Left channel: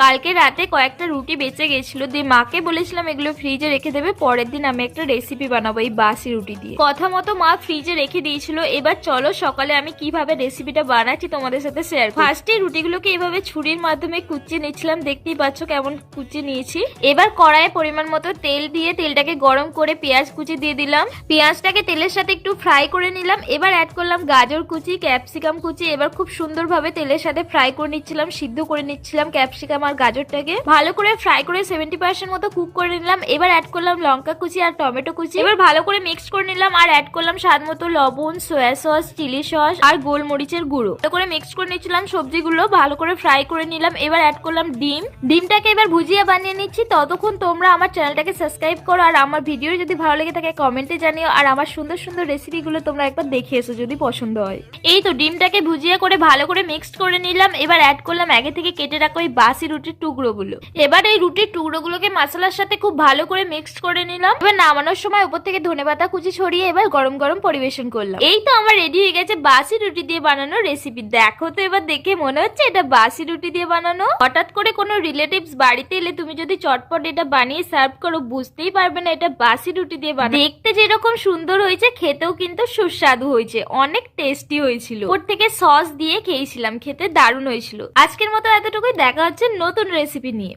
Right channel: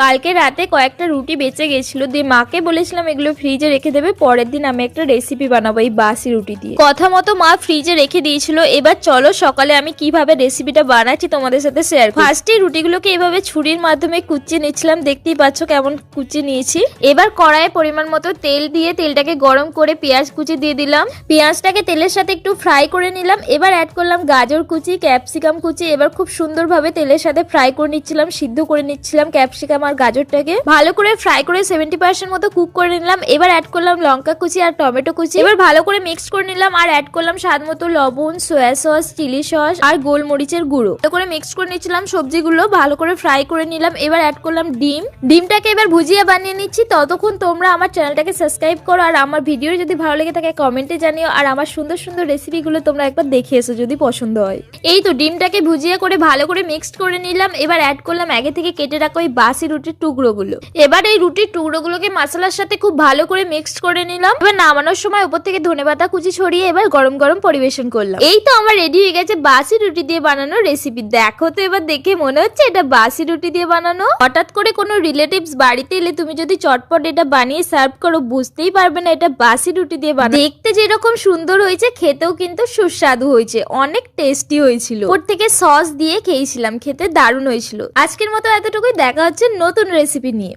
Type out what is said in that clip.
কালকে রাতে কয়েকটা রুটি বেঁচে গেছিল, দিয়ে মাকে বলেছিলাম এগুলো ফ্রিজে রেখে দেবে, পরের দিন আমি একটা রেসিপি বানাবো এই বাসি রুটি দিয়ে। কথা মতো মা ফ্রিজে রেখে দিয়েছিল। এবার চলো সকালে আমি কিভাবে রেসিপিটা বানাচ্ছি তোমাদের সাথে শেয়ার করি। ফার্স্টে রুটিগুলোকে এভাবে ছুরির মাধ্যমে কুচিয়ে নিচ্ছিলাম, দেখতেই পাচ্ছ কেমন কুচিয়ে নিয়েছি। এবার কড়াইয়ে পরিমাণ মতো তেল দিয়ে তেলটাকে গরম করে পেঁয়াজ কুচি দিয়ে দিলাম। পেঁয়াজটাকে তেলের সাথে একটু ফ্রাই করে নিলাম। এবার অ্যাড করলাম গাজর কুচি, ক্যাপসিকাম কুচি। এবার খুব সুন্দরভাবে তেলের সাথে ফ্রাই করে নিচ্ছিলাম, সিদ্ধ করে নিচ্ছিলাম ক্যাপসিকাম আর গাজরটাকে। ভালো করে ফ্রাই করে 70% মতো কুক করে নিলাম। এবার অ্যাড করলাম লঙ্কা কুচি আর টমেটো কুচি। এবার ভালো করে মিক্স করে নিলাম আর অ্যাড করলাম স্বাদ মতো লবণ, সয়া সস, চিলি সস আর গোলমরিচের গুঁড়ো। ভালো করে মিক্স করে নিচ্ছিলাম সবজিগুলো, ভালো করে ফ্রাই করে নিলাম। এবার অ্যাড করলাম ডিমটাকে এবার ভুজিয়া বানিয়ে নিচ্ছি। ততক্ষণ তোমরা আমার চ্যানেলটাকে সাবস্ক্রাইব করো, আর আমার ভিডিও যদি ভালো লেগে থাকে কমেন্টে জানিও, আর আমার সুন্দর সুন্দর রেসিপিগুলো তোমরা একবার দেখে এসো যদি পছন্দ হয়। এই তো ডিমটাকে ভুজিয়া করে ভালো করে মিক্সড করে নিলাম। এবার অ্যাড করলাম আগে থেকে কেটে রাখা ওই বাসি রুটির টুকরোগুলো। এবার এই রুটির টুকরোগুলোকে মশলার সাথে খুব ভালো করে মিক্সড করে নিলাম। এবার নামানোর সময় উপর থেকে ধনেপাতা কুচি ছড়িয়ে এবার গরম গরম পরিবেশন করলাম। এই তো আমার রেডি হয়ে গেছে বাসি রুটি দিয়ে বানানো রেসিপি। দেখো তো এবার দেখে মনে হচ্ছে এটা বাসি রুটি দিয়ে বানানো। হঠাৎ করে কোনো রিলেটিভস বাড়িতে এলে তুমি যদি চটপট এটা বানিয়ে সার্ভ করো, বুঝতেই পারবে না এটা বাসি রুটি দিয়ে বানানো। দেখতে যেরকম সুন্দর হয়েছে, খেতেও কিন্তু সুস্বাদু হয়েছে, অনেক টেস্টি হয়েছিল। ওর থেকে সস দিয়ে খেয়েছিলাম, খেতে দারুণ হয়েছিল। আজকের মতো এতটুকুই, দেখা হচ্ছে নতুন রেসিপি নিয়ে।